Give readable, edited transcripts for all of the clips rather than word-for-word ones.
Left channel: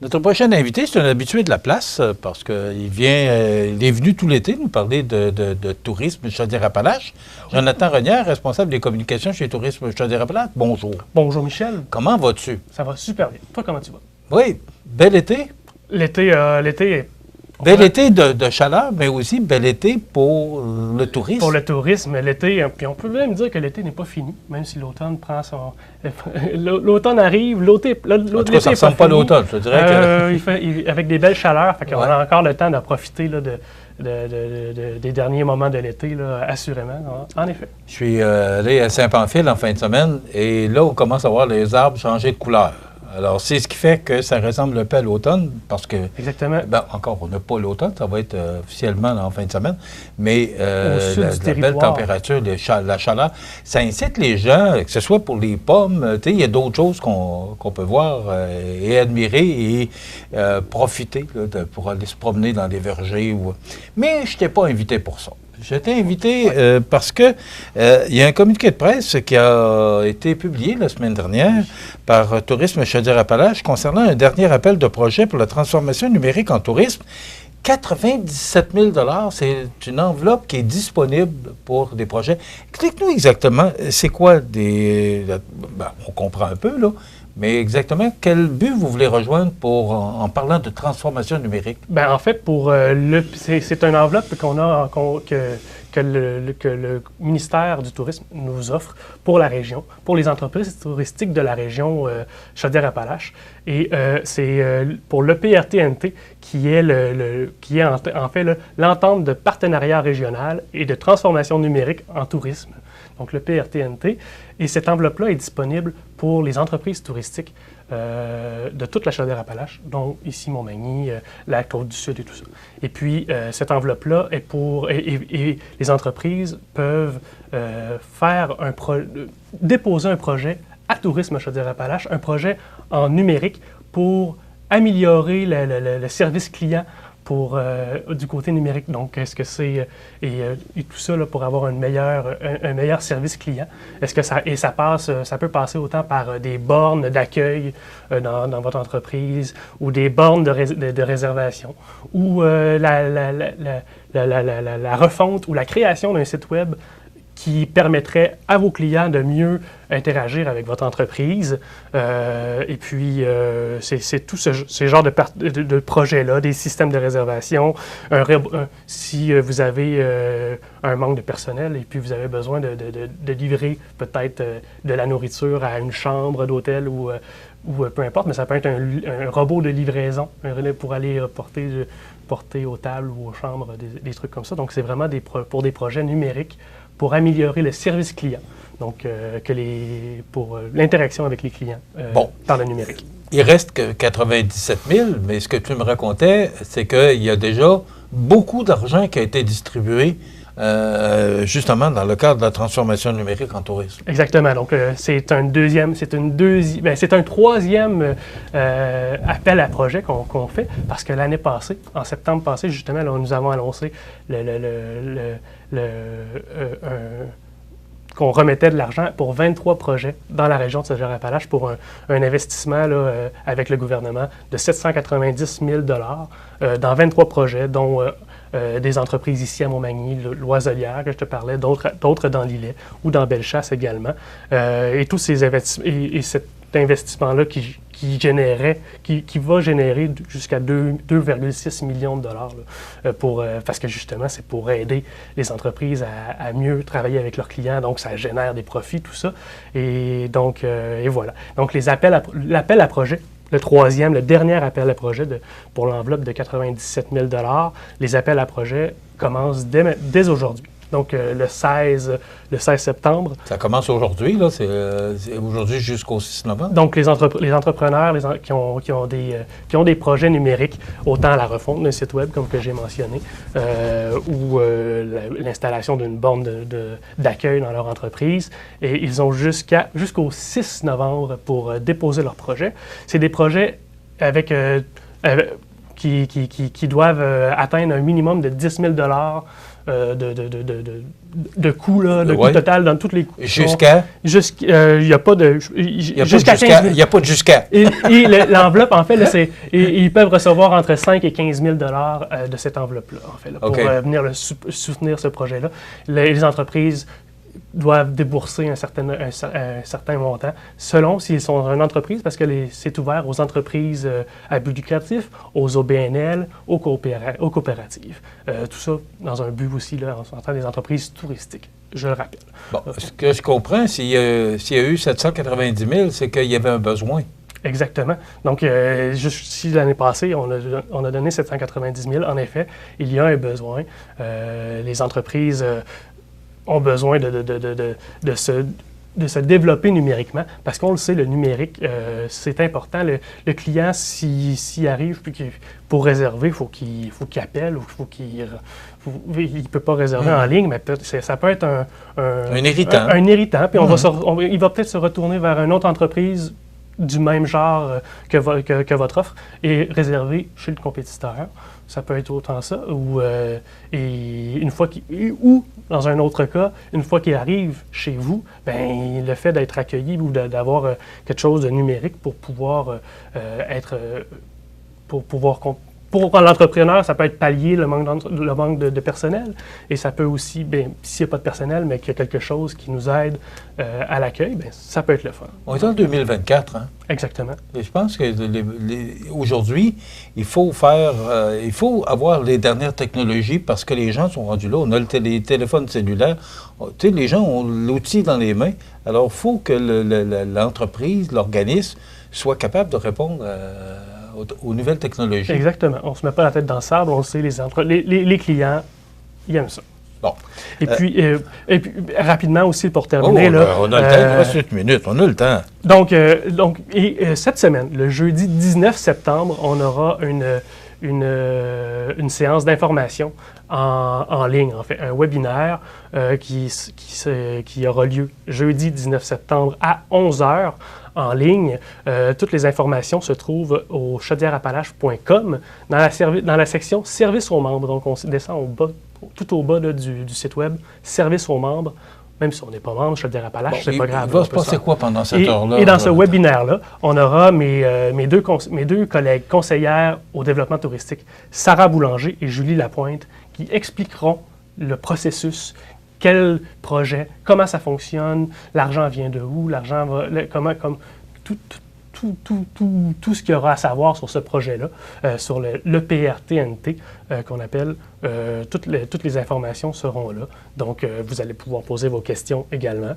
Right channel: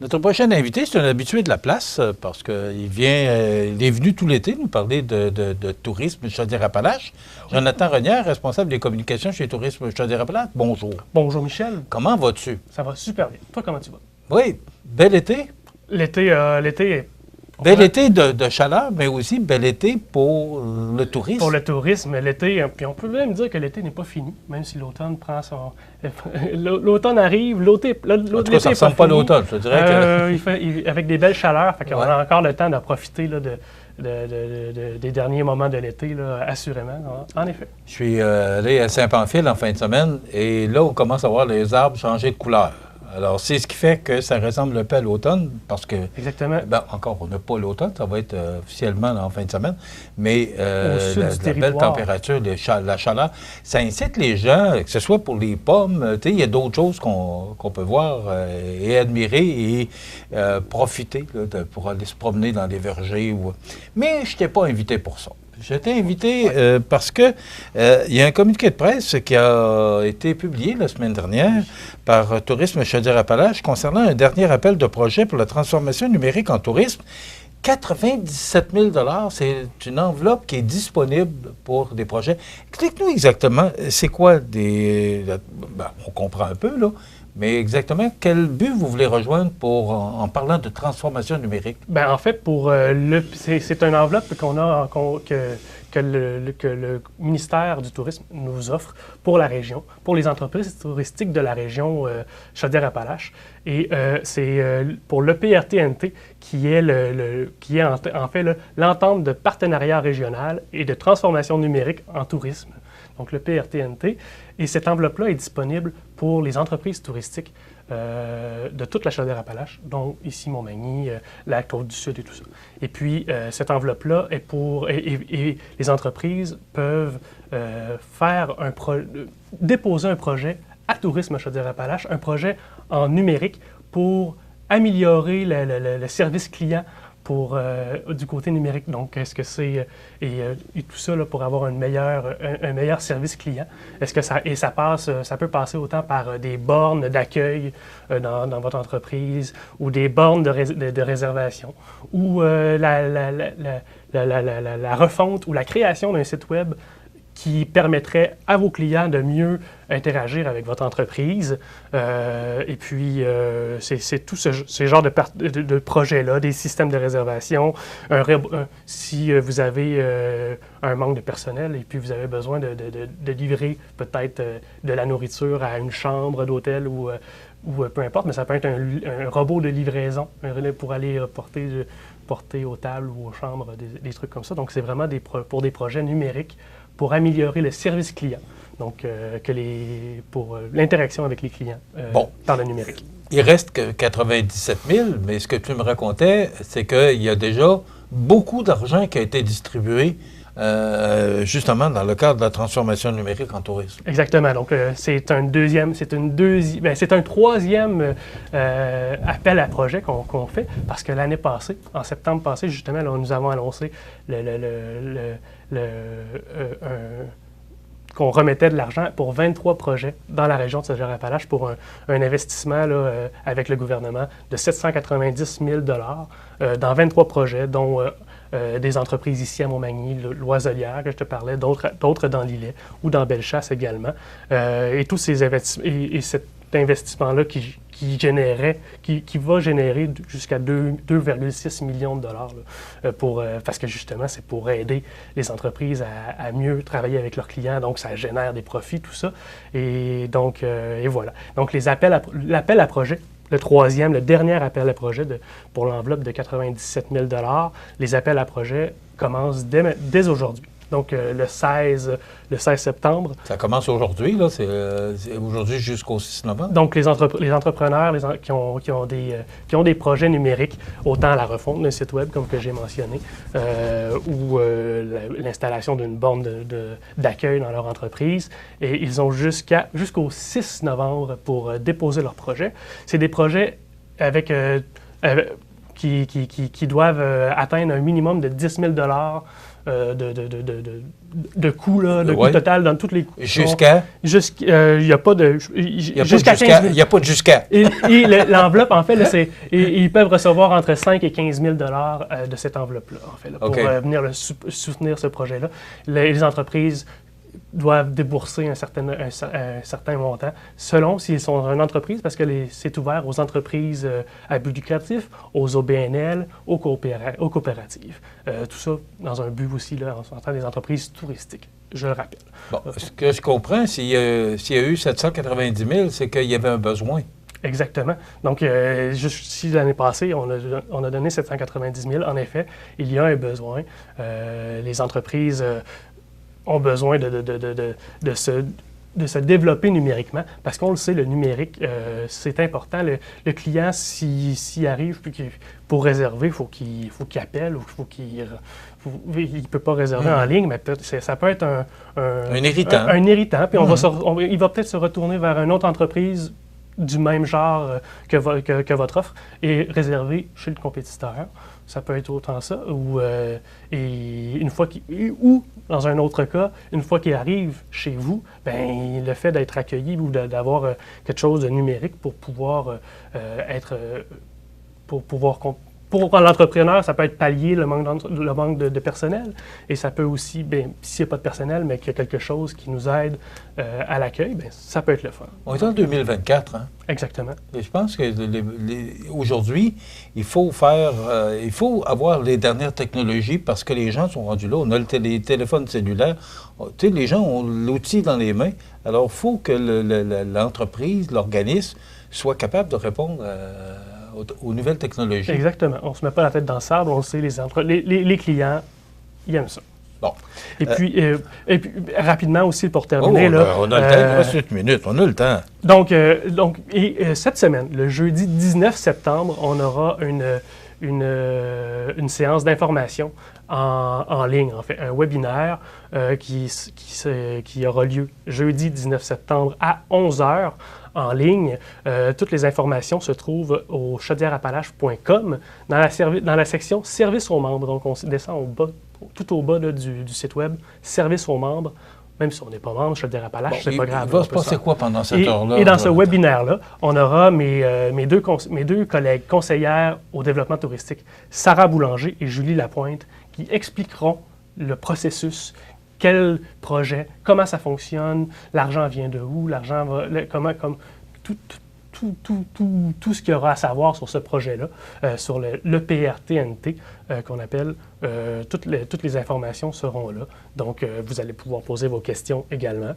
Notre prochain invité, c'est un habitué de la place parce qu'il il est venu tout l'été nous parler de tourisme Chaudière-Appalaches. Jonathan Renière, responsable des communications chez Tourisme Chaudière-Appalaches. Bonjour. Bonjour Michel. Comment vas-tu? Ça va super bien. Toi, comment tu vas? Oui, bel été. L'été est... Bel été de chaleur, mais aussi bel été pour le tourisme. Pour le tourisme, l'été, puis on peut même dire que l'été n'est pas fini, même si l'automne prend son... L'automne arrive, En tout cas, ça ne ressemble pas à l'automne, je dirais que... avec des belles chaleurs, fait qu'on Ouais. a encore le temps de profiter là, des derniers moments de l'été, là, assurément, en effet. Je suis allé à Saint-Pamphile en fin de semaine et là, on commence à voir les arbres changer de couleur. Alors, c'est ce qui fait que ça ressemble un peu à l'automne parce que... Exactement. Ben, encore, on n'a pas l'automne, ça va être officiellement là, en fin de semaine, mais Au sud du la belle territoire. température, la chaleur, ça incite les gens, que ce soit pour les pommes, tu sais, il y a d'autres choses qu'on peut voir et admirer et profiter là, pour aller se promener dans des vergers. Mais je t'ai pas invité pour ça. Je t'ai invité parce que il y a un communiqué de presse qui a été publié la semaine dernière par Tourisme Chaudière-Appalaches concernant un dernier appel de projet pour la transformation numérique en tourisme. 97 000 $, c'est une enveloppe qui est disponible pour des projets. Explique-nous exactement, c'est quoi on comprend un peu, là, mais exactement, quel but vous voulez rejoindre en parlant de transformation numérique? Ben, en fait, c'est une enveloppe que le ministère du Tourisme nous offre pour la région, pour les entreprises touristiques de la région Chaudière-Appalaches. Et c'est pour l'EPRTNT qui est en fait l'entente de partenariat régional et de transformation numérique en tourisme. Donc le PRTNT. Et cette enveloppe-là est disponible pour les entreprises touristiques de toute la Chaudière-Appalaches, dont ici Montmagny, la Côte-du-Sud et tout ça. Et puis, cette enveloppe-là est pour... Et les entreprises peuvent déposer un projet à Tourisme Chaudière-Appalaches, un projet en numérique pour améliorer le service client du côté numérique. Donc, est-ce que c'est... Et tout ça là, pour avoir un meilleur service client. Est-ce que ça peut passer autant par des bornes d'accueil dans votre entreprise ou des bornes de réservation ou la refonte ou la création d'un site web qui permettrait à vos clients de mieux interagir avec votre entreprise. Et puis, c'est tout ce genre de projets-là, des systèmes de réservation. Si vous avez un manque de personnel et puis vous avez besoin de livrer peut-être de la nourriture à une chambre d'hôtel ou peu importe, mais ça peut être un robot de livraison pour aller porter aux tables ou aux chambres des trucs comme ça. Donc, c'est vraiment pour des projets numériques pour améliorer le service client, donc pour l'interaction avec les clients par le numérique. Il reste que 97 000, mais ce que tu me racontais, c'est qu'il y a déjà beaucoup d'argent qui a été distribué justement dans le cadre de la transformation numérique en tourisme. Exactement. Donc, c'est un troisième appel à projet qu'on fait parce que l'année passée, en septembre passé, justement, là, nous avons annoncé qu'on remettait de l'argent pour 23 projets dans la région de Chaudière-Appalaches pour un investissement là, avec le gouvernement de 790 000 $ dans 23 projets, dont des entreprises ici à Montmagny, Loiselière, que je te parlais, d'autres dans l'Îlet ou dans Bellechasse également. Et tous ces et cet investissement-là qui va générer jusqu'à 2,6 millions de dollars là, parce que justement, c'est pour aider les entreprises à mieux travailler avec leurs clients. Donc, ça génère des profits, tout ça. Et donc, et voilà. Donc, l'appel à projet, le dernier appel à projet pour l'enveloppe de 97 000 $, les appels à projet commencent dès aujourd'hui. Donc, le 16 septembre. Ça commence aujourd'hui, là. C'est aujourd'hui jusqu'au 6 novembre. Donc, les entrepreneurs qui ont des projets numériques, autant la refonte d'un site web, comme que j'ai mentionné, ou l'installation d'une borne d'accueil dans leur entreprise, et ils ont jusqu'au 6 novembre pour déposer leur projet. C'est des projets qui doivent atteindre un minimum de 10 000 $ de coût, là, de coût total dans tous les coûts. Jusqu'à? Il n'y a pas de... Il n'y a pas de jusqu'à. Et l'enveloppe, en fait, là, ils peuvent recevoir entre 5 et 15 000 de cette enveloppe-là, en fait, là, pour venir soutenir ce projet-là. Les entreprises doivent débourser un certain montant, selon s'ils sont une entreprise, parce que c'est ouvert aux entreprises à but lucratif, aux OBNL, aux coopératives. Tout ça dans un but aussi, là, en tant des entreprises touristiques, je le rappelle. Bon, ce que je comprends, s'il y a eu 790 000, c'est qu'il y avait un besoin. Exactement. Donc, si l'année passée, on a donné 790 000, en effet, il y a un besoin. Les entreprises ont besoin de se développer numériquement, parce qu'on le sait, le numérique, c'est important. Le client, s'il arrive pour réserver, il faut qu'il appelle, ou il ne peut pas réserver en ligne, mais ça peut être un irritant. Un irritant, puis il va peut-être se retourner vers une autre entreprise du même genre que votre offre et réserver chez le compétiteur. Ça peut être autant ça, ou dans un autre cas, une fois qu'il arrive chez vous, ben, le fait d'être accueilli ou d'avoir quelque chose de numérique pour pouvoir pour l'entrepreneur, ça peut être pallier le manque de personnel. Et ça peut aussi, s'il n'y a pas de personnel, mais qu'il y a quelque chose qui nous aide à l'accueil, ça peut être le fun. On est en 2024, hein? Exactement. Et je pense que aujourd'hui, il faut avoir les dernières technologies parce que les gens sont rendus là. On a les téléphones cellulaires. Tu sais, les gens ont l'outil dans les mains. Alors, il faut que l'entreprise, l'organisme, soit capable de répondre aux nouvelles technologies. Exactement. On ne se met pas la tête dans le sable. On sait, les clients, ils aiment ça. Bon. Et puis, rapidement aussi, pour terminer... on a le temps, il reste 8 minutes, on a le temps. Donc, cette semaine, le jeudi 19 septembre, on aura une séance d'information en ligne, en fait, un webinaire qui aura lieu jeudi 19 septembre à 11h en ligne. Toutes les informations se trouvent au chaudièreappalaches.com dans la section « Services aux membres ». Donc, on descend tout au bas là, du site web « Services aux membres ». Même si on n'est pas membre, Chaudière-Appalaches, c'est pas grave. Il va se passer quoi pendant cette heure-là? Et dans ce webinaire-là, on aura mes deux collègues conseillères au développement touristique, Sarah Boulanger et Julie Lapointe, qui expliqueront le processus, quel projet, comment ça fonctionne, l'argent vient de où, tout ce qu'il y aura à savoir sur ce projet-là, sur le PRTNT qu'on appelle. Toutes les informations seront là. Donc, vous allez pouvoir poser vos questions également.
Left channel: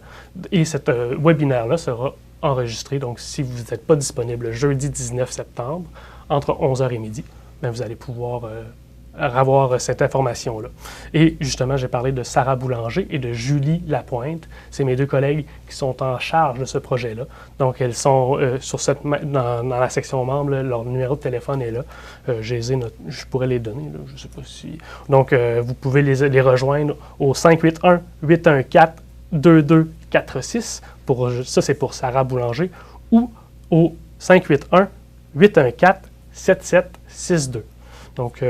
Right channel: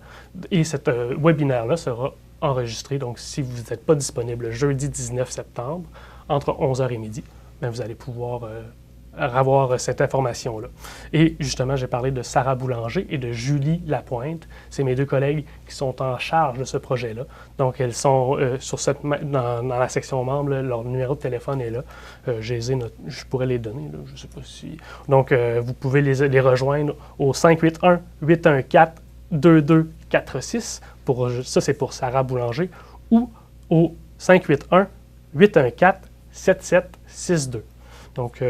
Et ce webinaire-là sera enregistré. Donc, si vous n'êtes pas disponible le jeudi 19 septembre, entre 11h et midi, vous allez pouvoir avoir cette information-là. Et justement, j'ai parlé de Sarah Boulanger et de Julie Lapointe. C'est mes deux collègues qui sont en charge de ce projet-là. Donc, elles sont dans la section membres, leur numéro de téléphone est là. Je pourrais les donner, là, je ne sais pas si... Donc, vous pouvez les rejoindre au 581-814-2246. Ça, c'est pour Sarah Boulanger. Ou au 581-814-7762. Donc,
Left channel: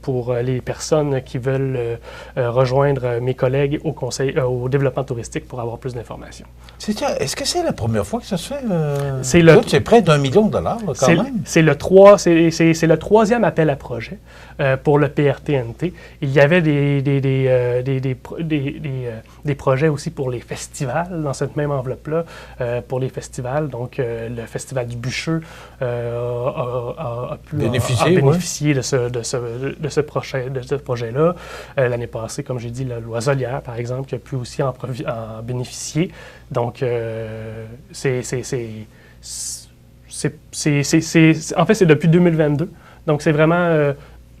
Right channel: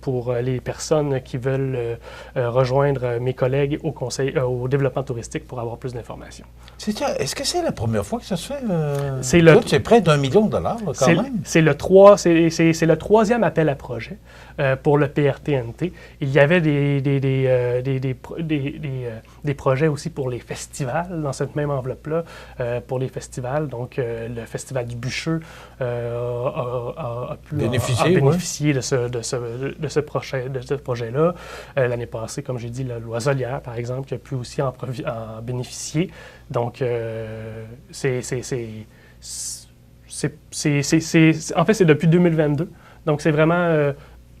pour les personnes qui veulent rejoindre mes collègues au développement touristique pour avoir plus d'informations. Est-ce que c'est la première fois que ça se fait? C'est près d'1 million de dollars, quand même. C'est le troisième appel à projet pour le PRTNT. Il y avait des projets aussi pour les festivals, dans cette même enveloppe-là, pour les festivals. Donc, le Festival du Bûcheux a pu bénéficier de ce projet-là. L'année passée, comme j'ai dit, la Loiselière, par exemple, qui a pu aussi en bénéficier. Donc, en fait, c'est depuis 2022. Donc, c'est vraiment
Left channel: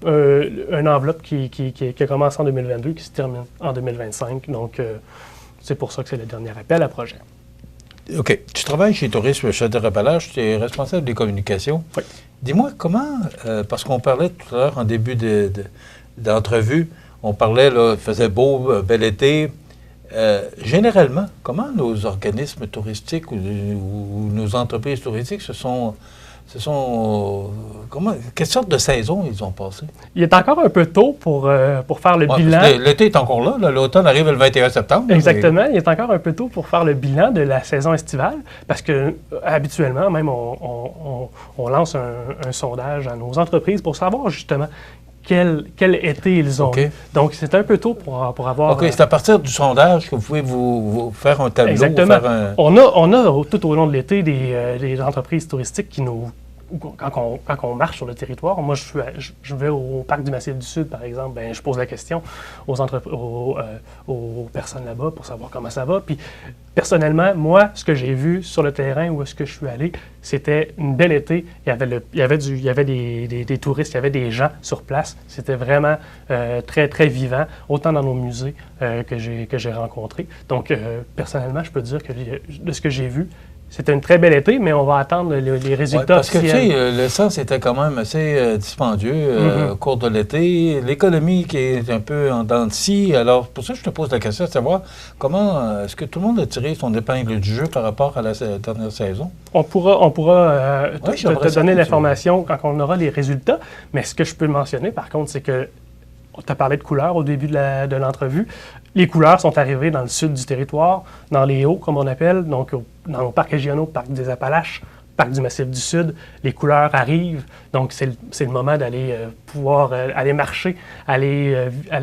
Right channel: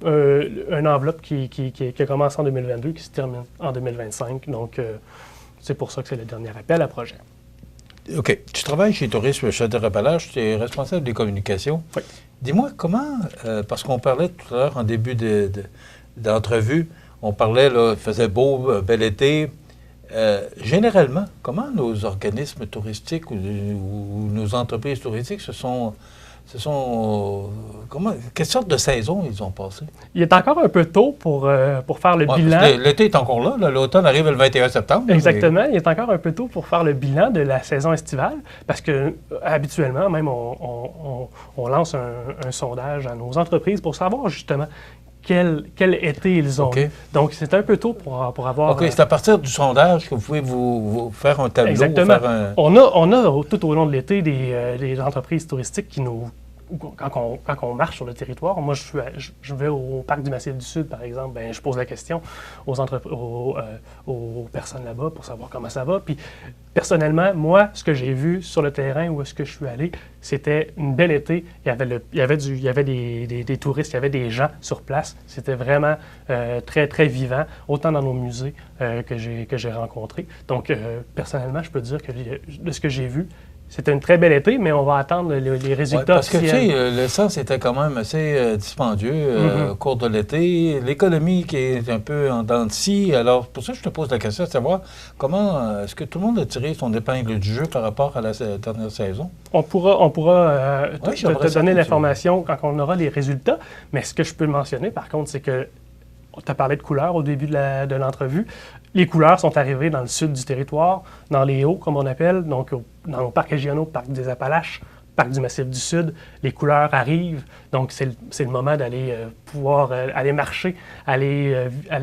une enveloppe qui a commencé en 2022, qui se termine en 2025. Donc, c'est pour ça que c'est le dernier appel à projet. OK. Tu travailles chez Tourisme Chaudière-Appalaches, tu es responsable des communications. Oui. Dis-moi comment, parce qu'on parlait tout à l'heure en début d'entrevue, on parlait, là, il faisait beau, bel été. Généralement, comment nos organismes touristiques ou nos entreprises touristiques comment quelle sorte de saison ils ont passé? Il est encore un peu tôt pour faire le bilan. L'été est encore là. L'automne arrive le 21 septembre. Exactement. Il est encore un peu tôt pour faire le bilan de la saison estivale parce que habituellement, même, on lance un sondage à nos entreprises pour savoir justement quel été ils ont. OK. Donc, c'est un peu tôt pour avoir... OK, c'est à partir du sondage que vous pouvez vous faire un tableau. Exactement. Faire On a tout au long de l'été des entreprises touristiques qui nous... Quand on marche sur le territoire, moi je vais au parc du Massif du Sud, par exemple, ben, je pose la question aux personnes là-bas pour savoir comment ça va. Puis personnellement, moi, ce que j'ai vu sur le terrain où est-ce que je suis allé, c'était une belle été. Il y avait des touristes, il y avait des gens sur place. C'était vraiment très, très vivant, autant dans nos musées que j'ai rencontrés. Donc, personnellement, je peux dire que de ce que j'ai vu, c'était une très belle été, mais on va attendre les résultats. Parce que, tu sais, l'essence était quand même assez dispendieux au cours de l'été. L'économie qui est un peu en dents de scie. Alors, pour ça, je te pose la question de savoir comment est-ce que tout le monde a tiré son épingle du jeu par rapport à la dernière saison? On pourra te donner l'information quand on aura les résultats. Mais ce que je peux mentionner, par contre, c'est que tu as parlé de couleurs au début de l'entrevue. Les couleurs sont arrivées dans le sud du territoire, dans les hauts, comme on appelle, donc dans nos parcs régionaux, parc des Appalaches, parc du Massif du Sud. Les couleurs arrivent, donc c'est le moment d'aller pouvoir aller marcher, aller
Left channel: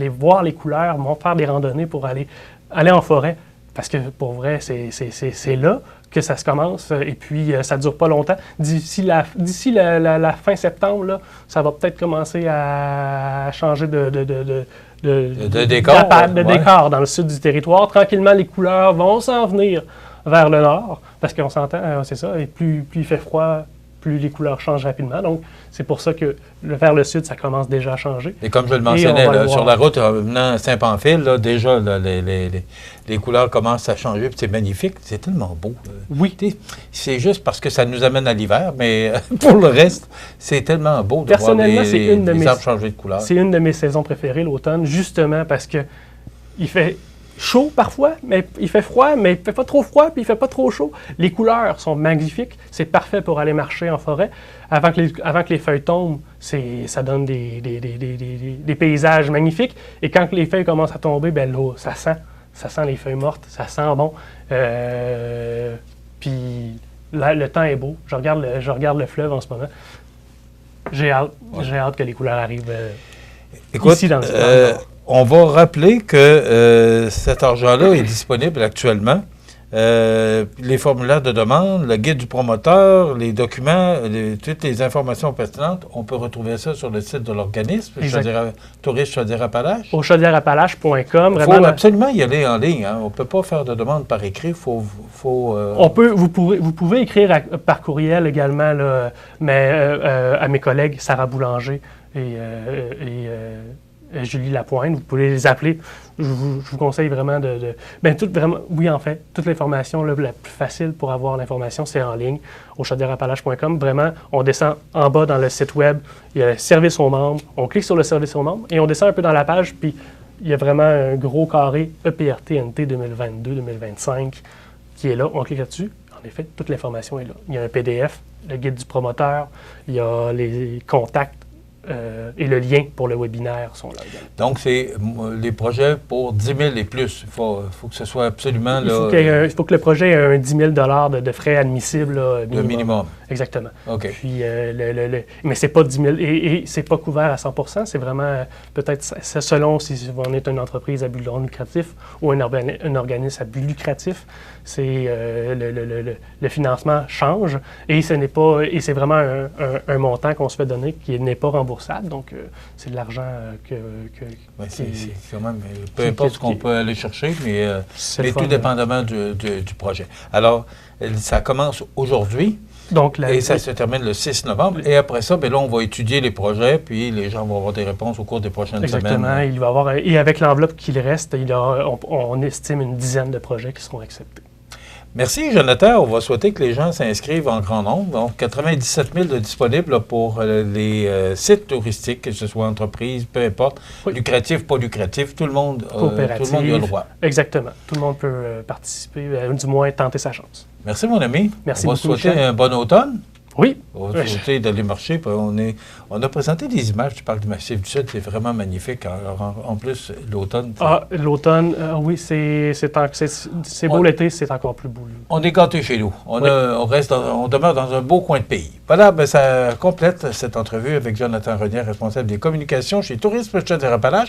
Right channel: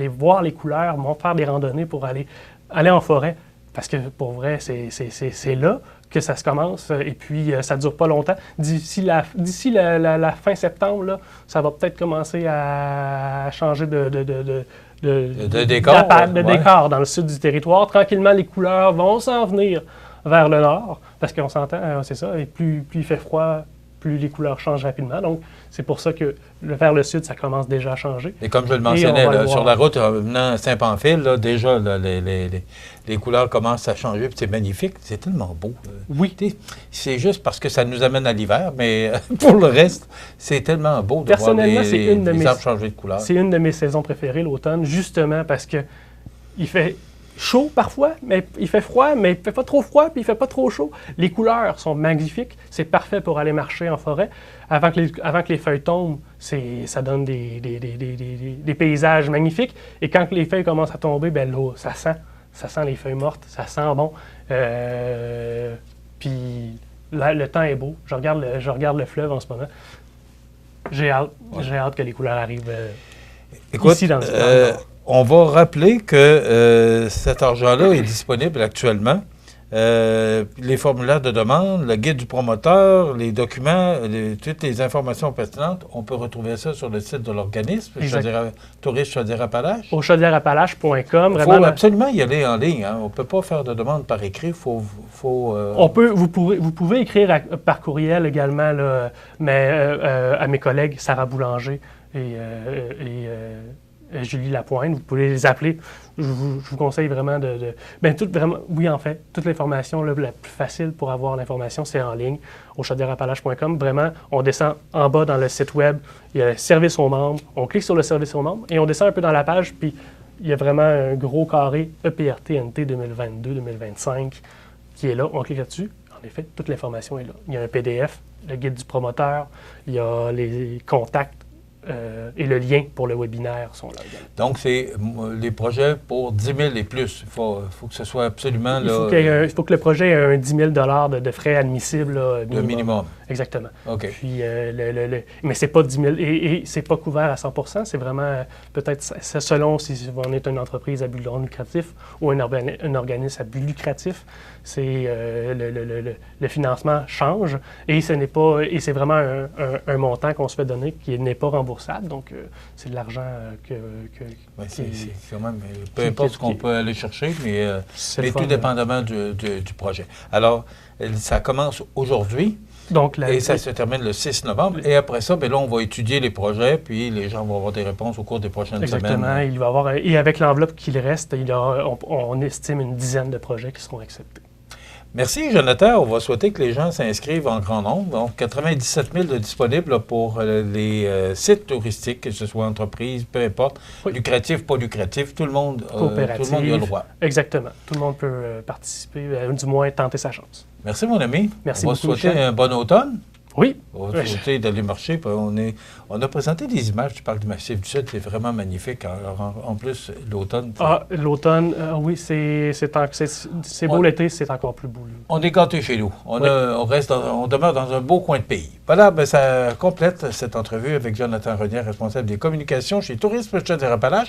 voir les couleurs, faire des randonnées pour aller en forêt. Parce que pour vrai, c'est là que ça se commence et puis ça ne dure pas longtemps. D'ici la fin septembre, là, ça va peut-être commencer à changer de décor dans le sud du territoire. Tranquillement, les couleurs vont s'en venir vers le nord parce qu'on s'entend, c'est ça, et plus il fait froid, plus les couleurs changent rapidement. Donc, c'est pour ça que vers le sud, ça commence déjà à changer. Et comme je le mentionnais, sur la route venant à Saint-Pamphile, là, déjà, là, les couleurs commencent à changer, puis c'est magnifique. C'est tellement beau. Oui. C'est juste parce que ça nous amène à l'hiver, mais pour le reste, c'est tellement beau de voir les arbres changer de couleur. C'est une de mes saisons préférées, l'automne, justement parce que il fait chaud parfois, mais il fait froid, mais il ne fait pas trop froid, puis il ne fait pas trop chaud. Les couleurs sont magnifiques. C'est parfait pour aller marcher en forêt. Avant que les feuilles tombent, ça donne des paysages magnifiques. Et quand les feuilles commencent à tomber, ben l'eau, ça sent les feuilles mortes, ça sent bon. Puis là, le temps est beau. Je regarde le fleuve en ce moment. J'ai hâte que les couleurs arrivent ici dans ce on va rappeler que cet argent-là est disponible actuellement. Les formulaires de demande, le guide du promoteur, les documents, toutes les informations pertinentes, on peut retrouver ça sur le site de l'organisme, Tourisme Chaudière-Appalaches. Au chaudièreappalaches.com. Il faut absolument y aller en ligne. Hein. On ne peut pas faire de demande par écrit. Vous pouvez écrire par courriel également, là, mais à mes collègues Sarah Boulanger et Julie Lapointe, vous pouvez les appeler. Je vous conseille vraiment oui, en fait, toute l'information la plus facile pour avoir l'information, c'est en ligne, au chaudièreappalaches.com. Vraiment, on descend en bas dans le site web, il y a un service aux membres, on clique sur le service aux membres et on descend un peu dans la page, puis il y a vraiment un gros carré EPRTNT 2022-2025 qui est là. On clique là-dessus. En effet, toute l'information est là. Il y a un PDF, le guide du promoteur, il y a les contacts, et le lien pour le webinaire sont là. Donc, c'est les projets pour 10 000 et plus. Il faut que ce soit absolument... Il faut que le projet ait un 10 000 de frais admissibles. Là, minimum. Exactement. OK. Puis, mais c'est pas 10 000 et c'est pas couvert à 100 % c'est vraiment peut-être selon si on est une entreprise à but non lucratif ou un organisme à but lucratif. C'est le financement change et c'est vraiment un montant qu'on se fait donner qui n'est pas remboursable. Donc, c'est de l'argent c'est quand même, peu importe ce qu'on peut aller chercher, mais tout dépendamment du projet. Alors, ça commence aujourd'hui. Donc, et ça se termine le 6 novembre. Et après ça, là, on va étudier les projets, puis les gens vont avoir des réponses au cours des prochaines semaines. Exactement. Il va y avoir, et avec l'enveloppe qu'il reste, on estime une dizaine de projets qui seront acceptés. Merci, Jonathan. On va souhaiter que les gens s'inscrivent en grand nombre. Donc, 97 000 de disponibles pour les sites touristiques, que ce soit entreprise, peu importe, lucratif, pas lucratif, tout le monde y a le droit. Exactement. Tout le monde peut participer, du moins tenter sa chance. Merci, mon ami. Merci beaucoup. On va souhaiter un bon automne. Oui. On a sauté d'aller marcher, puis on a présenté des images, tu parles du Massif du Sud, c'est vraiment magnifique. Alors, en plus, l'automne. L'automne, oui, c'est beau l'été, c'est encore plus beau. Là. On est gâtés chez nous. On demeure dans un beau coin de pays. Voilà, ben, ça complète cette entrevue avec Jonathan Renier, responsable des communications chez Tourisme Chaudière-Appalaches.